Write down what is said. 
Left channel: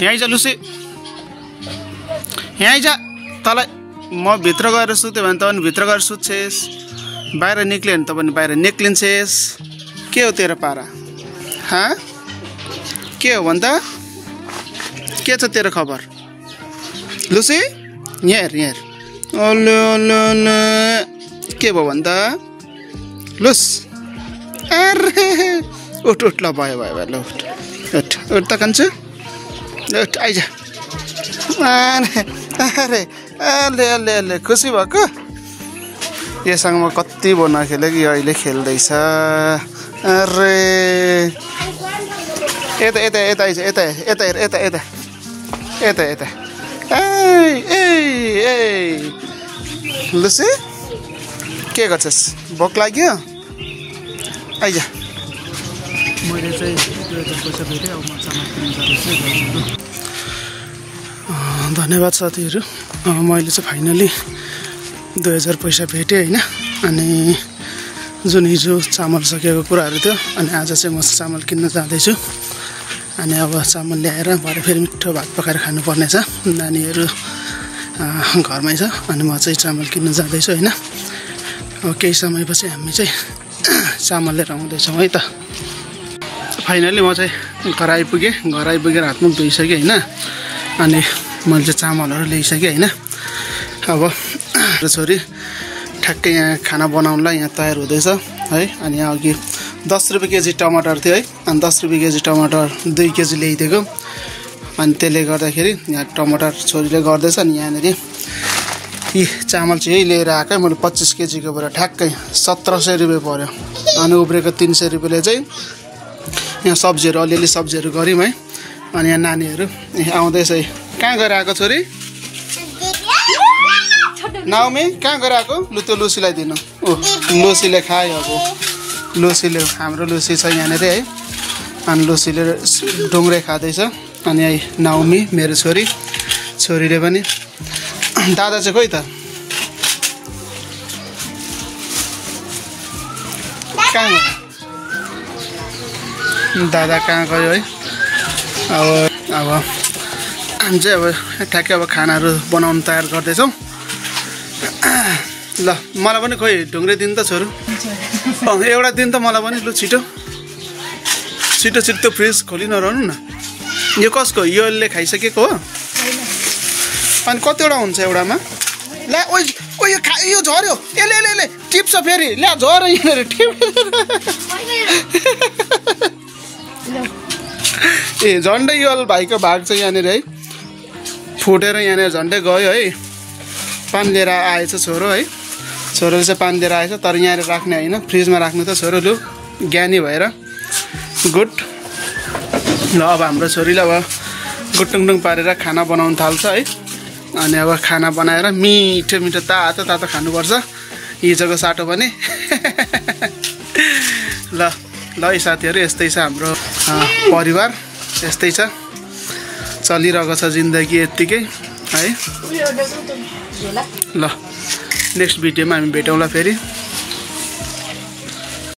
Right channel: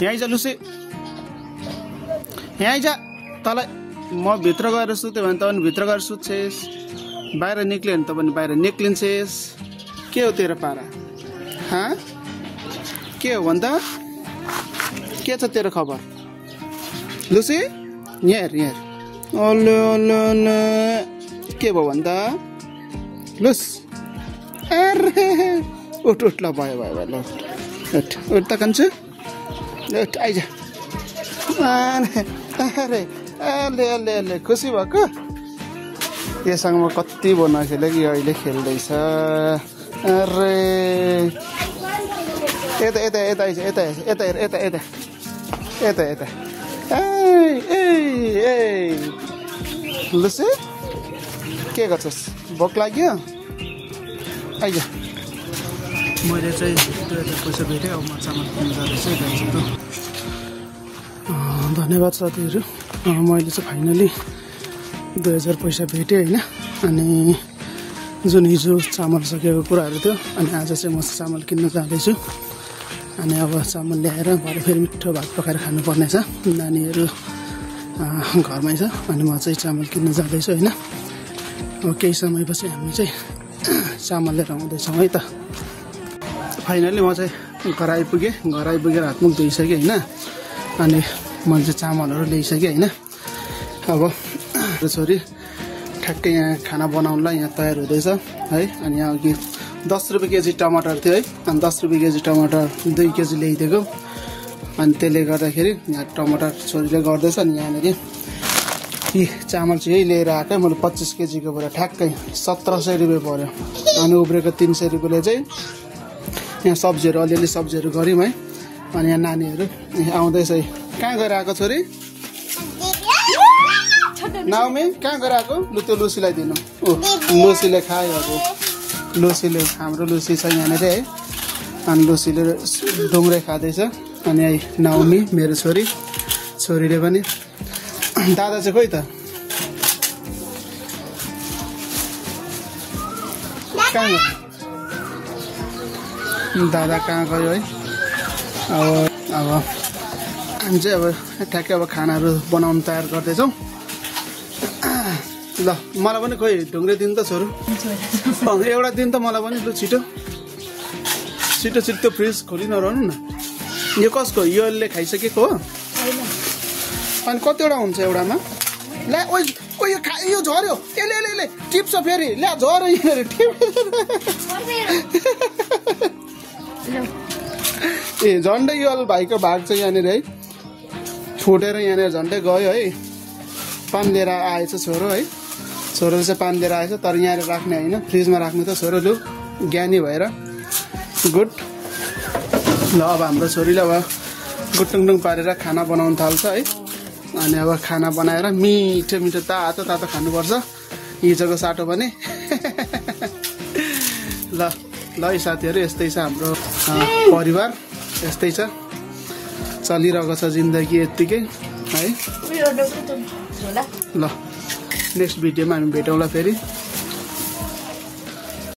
यहाँ आइज लुसी यहाँ आइज तँलाई म भित्र गएर सुत्यो भने त पनि भित्र गएर सुत्छेस् बाहिर निक्ल्यो भने त पनि बाहिर निक्लिन्छेस् के हो तेरो पारा के हो भन् त के छ तेरो खबर लुसी यहाँ हेर अल्ले अल्ले के भयो भन् त लुस अरे उठ ल भयो ल उठ त कान्छे उठ आइज अरे अले खुसी भएको योसँग म कति भयो नखेलेको यो अहिले खेल्दैछ अरे यता आइज यता ए लुसी के गर्छस् भोक लाग्यो आइज मैले चाहिँ 2000 पैसा भेटेँ अब म चामल किन्न जाँदैछु गाईको धन्यवाद साथीहरू मैले चाहिँ फाइनली 2000 पैसा भेटेँ होइन अनि जुन हिजो चामल सकेको कुराहरू थियो अनि आज चाहिँ म चामल किन्न जाँदैछु अनि अब चामल ल्याएर भरे फेरि मिठो भात पकाएर खानुपर्ने छ नानीहरू घरमै छ अनि म चाहिँ चामल किन्न जाँदैछु होइन अब केही समयपछि हामी चाहिँ चामल लिएर आउँदैछौँ है त फाइनली म चाहिँ घर आइपुगेर हातमुख धोइसकेँ होइन अनि मैले चाहिँ चामलहरू ल्याइसकेँ होइन अब छोरी ठ्याक्कै यहाँ खाना बनाउनलाई यहाँ तयार हुँदैछ है अनि यहाँ अघि 10 रुपियाँ केजी टमाटर थियो है अनि 10 रुपियाँ केजी टमाटर 2 केजी ल्याइदिएको अनि त्यसले गर्दाखेरि यहाँ टमाटर छोरीले गर्दैछ अनि यहाँनिर यी चामल चाहिँ यही लिएर आएकै मैले 25 केजीको भएर ठ्याक्कै 1700 रुपियाँ पर्यो अनि उब्रेको 300 रुपियाँले चाहिँ यहाँ सब्जीहरू अलिअलि सब्जीहरू गऱ्यौँ है अनि यहाँ नानीहरू आउँदैछ है कहाँ गएर आएको छोरी नाउमी कहाँ गएर आएको लु त्यो लुसीलाई दिनु लुसीले खायो अब लुसीले हाम्रो लुसी छ यहाँनिर है अनि लुसीले ढुङ्ग्रे खाँदैछ अनि यही नाउमी मेरो छोरीले पनि दादा चाहिँ खोइ त कहाँ गयो दादा कहाँ गयो है अब हामी चाहिँ अब ठ्याक्कै अब खानाहरू बनाउनु तयार गर्दैछौँ ल मलाई पनि खोइ ढुङ्ग्रे दिन त छोरो एउटा दिन त मलाई पनि लु छिटो फ्रिज खोलि नरहनु न यो कसको योले खाइसकेको हो अनि कतिवटा हुन्छ एउटामा ल्या ओ यो झऱ्यो यसले टिप्छ फेरि ल्या झऱ्यो यहाँनिर ए झन्डै यो भाइको भाग चाहिँ यहाँनिर है फुटेर यहाँनिर झन्डै गयो है पान लिएर आएछ छोरो है छोरोले चाहिँ पान लिएर आएछ तर यहाँनिर राख्ने होइन फ्रिजमा राख्ने त छोरो लु ज्ञानी भएर गुड ल अब हाम्रो छोरीले अब गुटुङटुङ पारेर खाना बनाउनु थाल्छ है अनि अब खाना बनाएर मिठो तातो खानुपर्छ हिजोको साटो पनि ल है साथीहरू यस्तै छ हाम्रो परिवार यस्तै छ चलिरहेको छ जिन्दगी यत्तिकै है ल नेक्स्ट भिडियोमा हामी भेटौँला फेरि।